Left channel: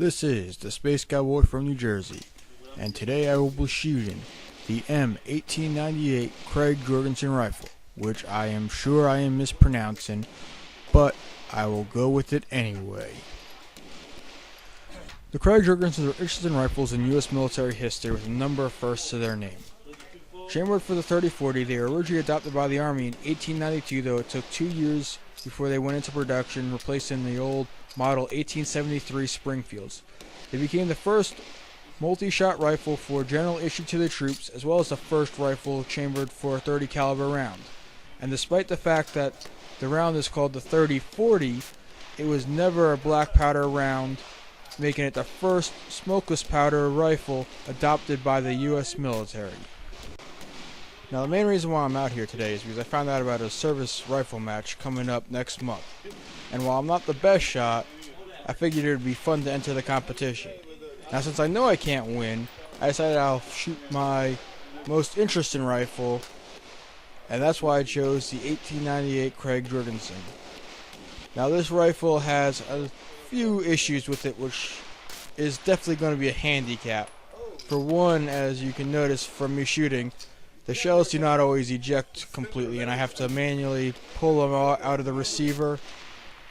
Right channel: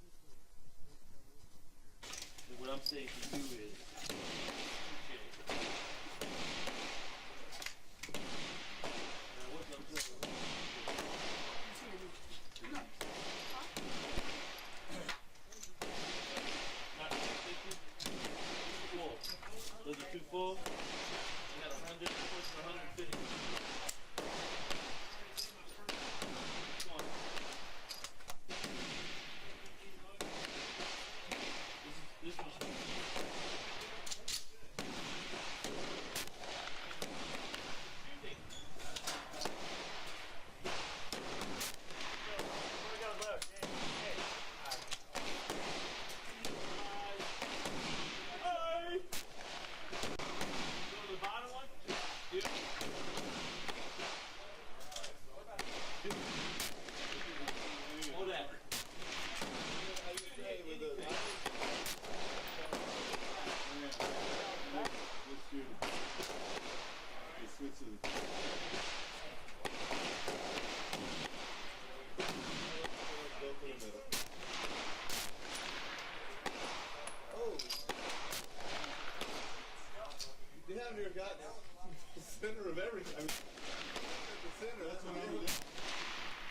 This is the Space Cowboy from New Jersey, and today I will be shooting the M1898 Krag-Jørgensen rifle, which I am sure I am mispronouncing, but I will go with it anyway. The Krag-Jorgensen are interesting rifles in U.S. military history with a number of firsts to their name. Chambered for the 30-40, they were originally adopted by the Army in 1892, though it took 2 years before they went into production, replacing the old model 1873 Springfields. They became the first multi-shot rifle for general issue to the troops, as well as the first rifle chambered for a 30 caliber round. And despite the fact that the round is called the 30-40, it was never a black powder round, making it the first smokeless powder rifle adopted by the U.S. military. Now, the main reason why I'm out here today is because I found out about a service rifle match coming up next month. And while I'm not the best shot, I figured it would be fun to enter the competition. Now, since I know I can't win, I decided I'll shoot my most interesting rifle, and that's why I chose the 1898 Krag-Jørgensen. Now, this rifle has a few issues with it, which is definitely going to be a handicap. For one, as you can notice from me shooting, the shells do not always eject completely, and I have to manually pull them out of the receiver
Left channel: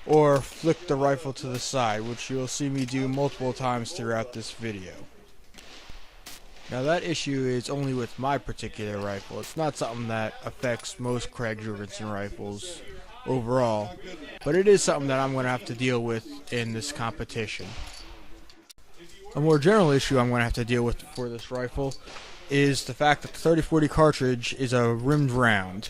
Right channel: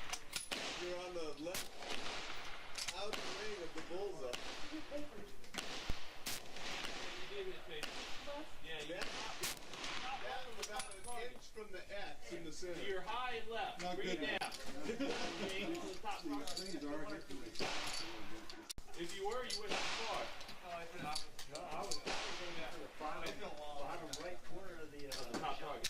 or flick the rifle to the side, which you'll see me do multiple times throughout this video. Now, that issue is only with my particular rifle. It's not something that affects most Krag-Jorgensen rifles overall, but it is something that I'm going to have to deal with in this competition. A more general issue I'm going to have to deal with for this rifle is the fact that the 30-40 cartridge is a rimmed round.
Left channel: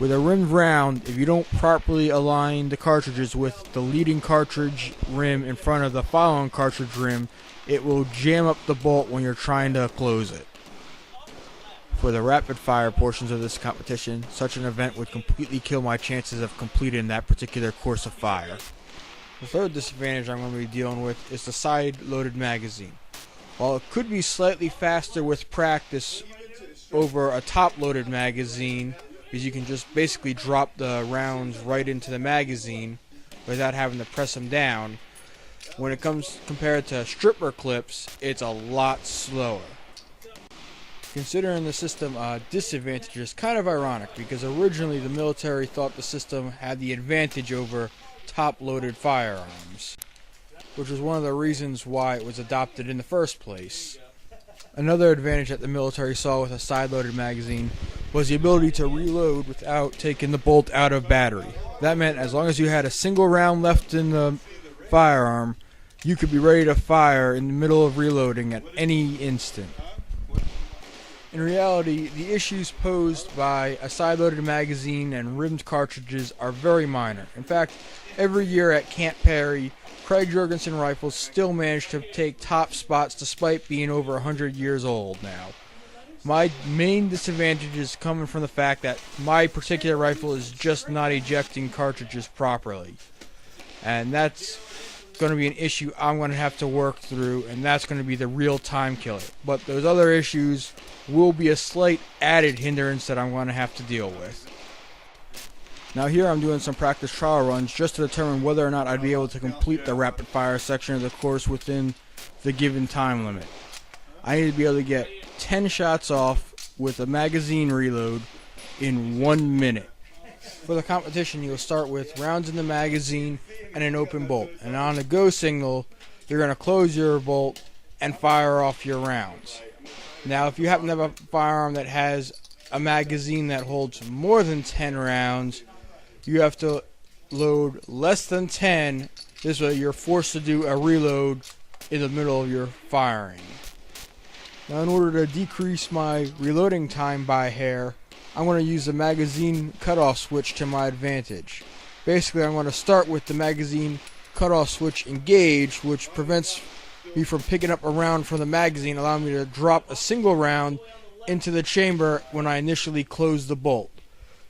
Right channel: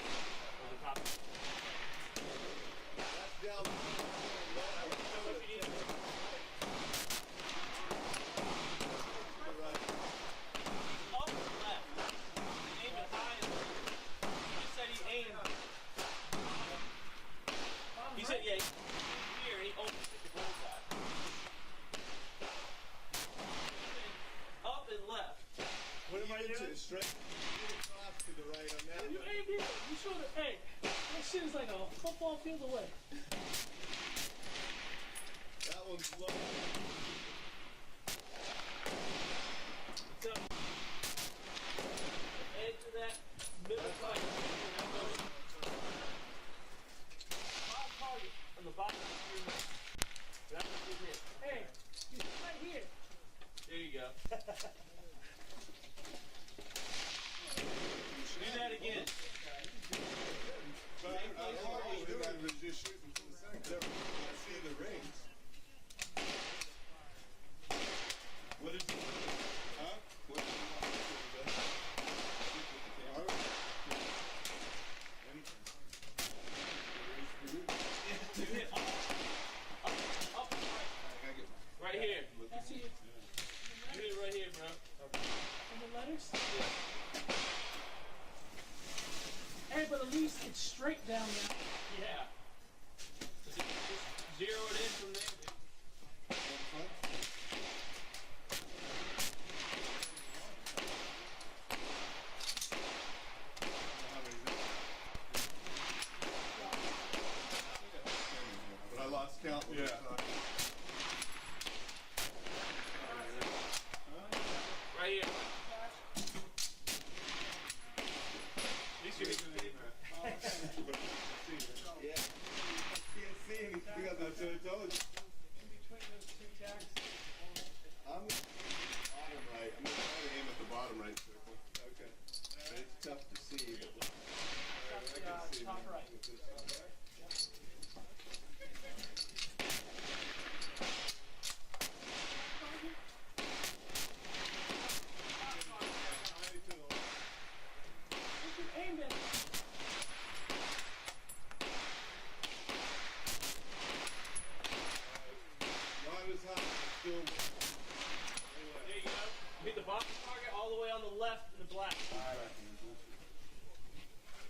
With a rimmed round, if you don't properly align the cartridges with the leading cartridge rim in front of the following cartridge rim, it will jam up the bolt when you're trying to close it. For the rapid fire portions of this competition, such an event would completely kill my chances of completing that particular course of fire. The third disadvantage I'm going to be dealing with is the side-loaded magazine. While it could be slightly faster with practice over a top-loaded magazine, because you can just basically drop the rounds right into the magazine without having to press them down, when it comes compared to stripper clips, it's a lot slower. Considering the system disadvantage is kind of ironic, because originally the military thought the system had the advantage over top-loaded firearms, which was one of the reasons why it was adopted in the first place. Another advantage that the military saw with a side-loaded magazine was the ability to reload without taking the bolt out of battery. That meant as long as you had a single round left in the firearm, you could be ready to fire in the middle of reloading at any instant. In reality, the issues posed by a side-loaded magazine and rimmed cartridges are very minor. In fact, every year at Camp Perry, Krag-Jorgensen rifles still manage to take top spots despite being over 100 years old now. My main disadvantage is coming from the fact that my particular rifle is just not ejecting cartridges properly. And that's going to be an issue I'm going to have to work through, and that's going to be the real time killer. But those other issues will be a slight added hindrance that I'm going to have to deal with. Now, here I'm doing some practice trial runs just to determine whether or not I'd be able to complete the rapid fire section of the course within the given time limit. I need to be able to get 10 shots off with a magazine reload in 1 minute. For the competition, you'll start with rounds in the magazine and an open bolt. And on the go signal, you're going to close your bolt and fire off your rounds. Now, if you happen to have a firearm that has a magazine that holds more than 10 rounds, you have to load less than 10. This way, you're forced to do a reload in the middle of your firing. Now, in order to decrease my reloading time by hair, I'm going to use the magazine cutoff switch to my advantage. Basically, I'm going to start with the magazine cutoff switch engaged, which prevents me from picking up a round from the magazine, allowing me to drop a single round into the chamber when I initially close the bolt.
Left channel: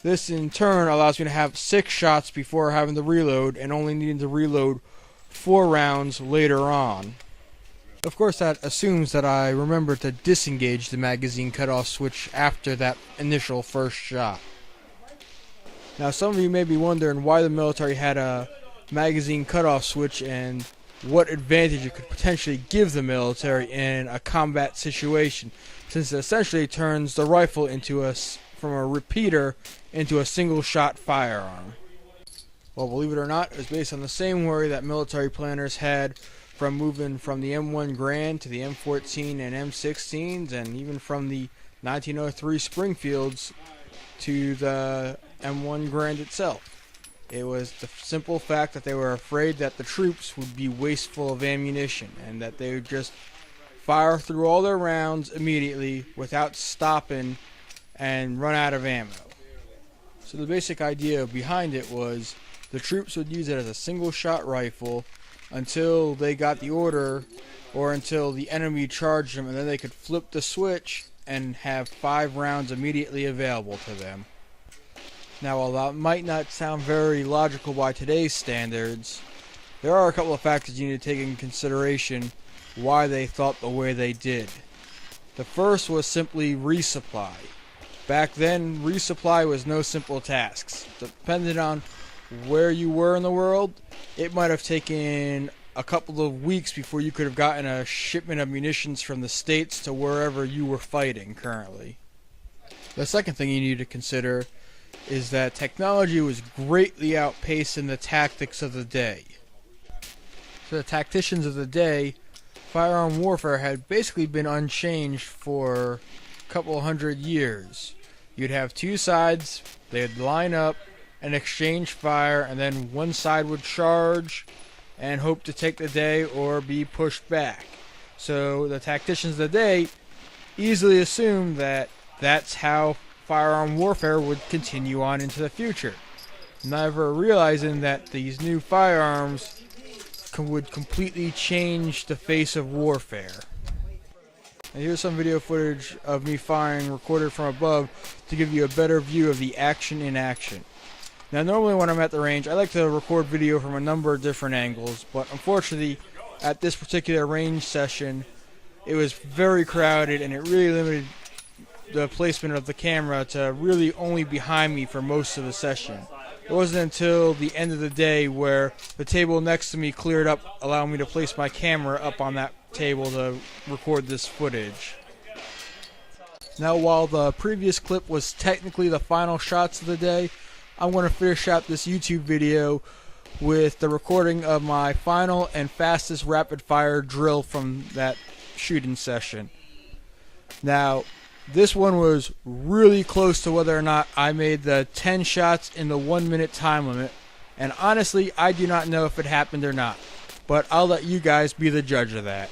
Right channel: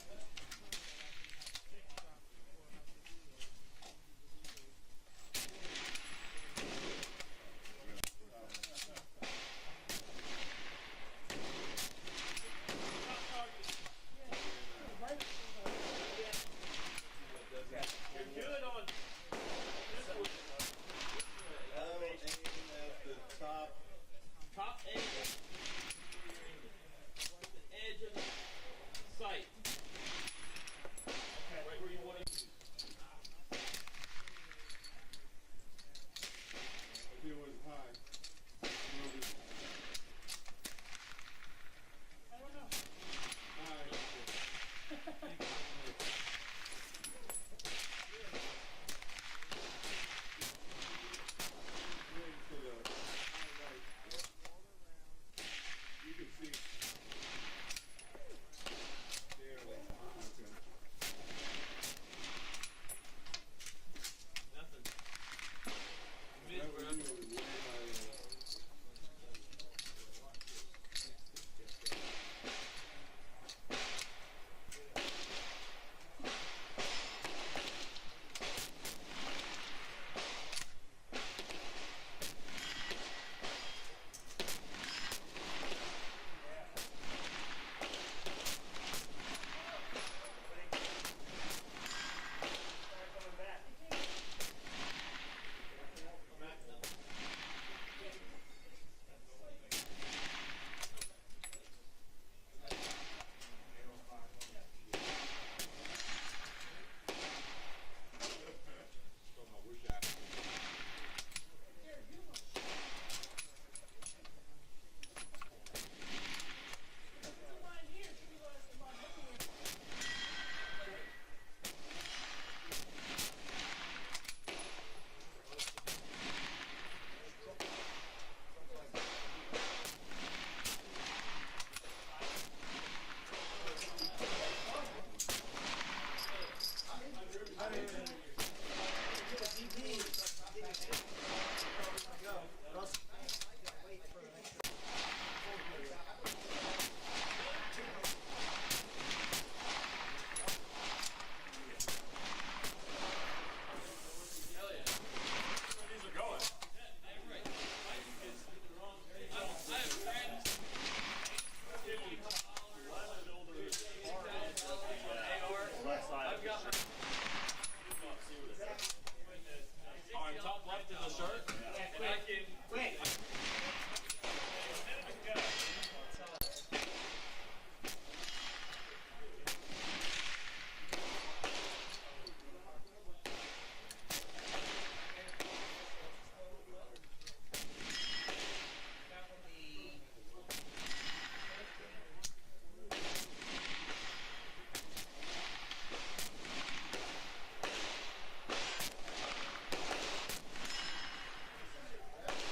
This, in turn, allows me to have 6 shots before having to reload and only needing to reload 4 rounds later on. Of course, that assumes that I remember to disengage the magazine cutoff switch after that initial first shot. Now, some of you may be wondering why the military had a magazine cutoff switch and what advantage it could potentially give the military in a combat situation, since it essentially turns the rifle from a repeater into a single-shot firearm. Well, believe it or not, it was based on the same worry that military planners had from moving from the M1 Grand to the M14 and M16s, and even from the 1903 Springfields to the M1 Grand itself. It was the simple fact that they were afraid that the troops would be wasteful of ammunition and that they would just fire through all their rounds immediately without stopping and run out of ammo. So the basic idea behind it was the troops would use it as a single-shot rifle until they got the order or until the enemy charged them, and then they could flip the switch and have 5 rounds immediately available to them. Now, while that might not sound very logical by today's standards, there are a couple of factors you need to take into consideration why they thought the way they did. The first was simply resupply. Back then, resupply was no simple task. Depending on where you were in the world, it might have taken a couple of weeks before you could have gotten a shipment of munitions from the States to wherever you were fighting currently. The second thing you need to consider is that technology was greatly outpacing the tactics of the day. For the tacticians of the day, firearm warfare had basically been unchanged for a couple hundred years. You'd have two sides, they'd line up and exchange fire, and then one side would charge and hope to take the day or be pushed back. So the tacticians of the day easily assumed that that's how firearm warfare would continue on into the future, never realizing that these new firearms would completely change the face of warfare. And here's some video footage of me firing recorded from above to give you a better view of the action in action. Now, normally when I'm at the range, I like to record video from a number of different angles, but unfortunately at this particular range session it was very crowded and it really limited the placement of the camera to really only behind me for most of the session. It wasn't until the end of the day where the table next to me cleared up, allowing me to place my camera up on that table to record this footage. Now, while the previous clip was technically the final shots of the day, I'm going to finish out this YouTube video with the recording of my final and fastest rapid fire drill from that shooting session. Now, this one was really close to whether or not I made the 10 shots in the 1 minute time limit, and honestly I do not know if it happened or not, but I'll let you guys be the judge of that.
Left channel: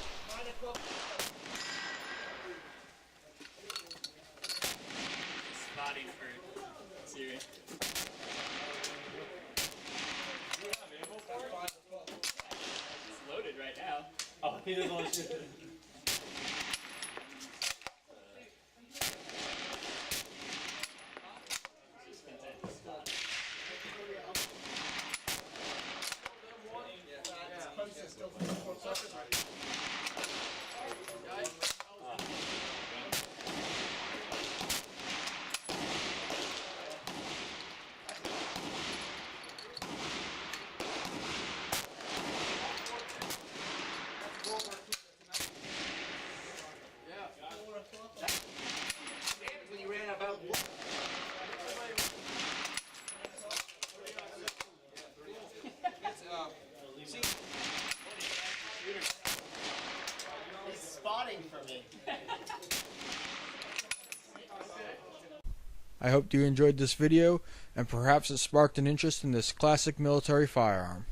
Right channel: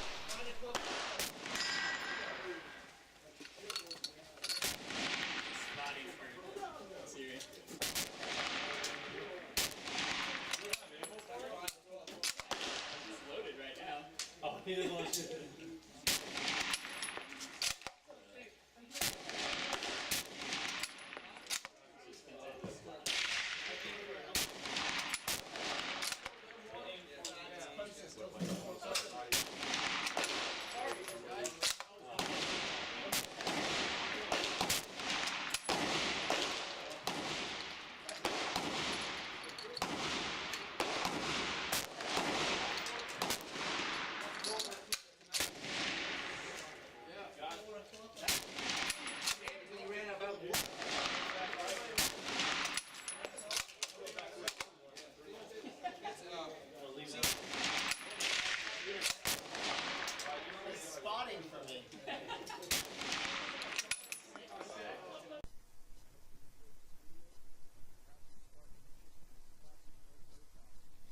I hope you enjoyed this video and perhaps it sparked an interest in this classic military firearm.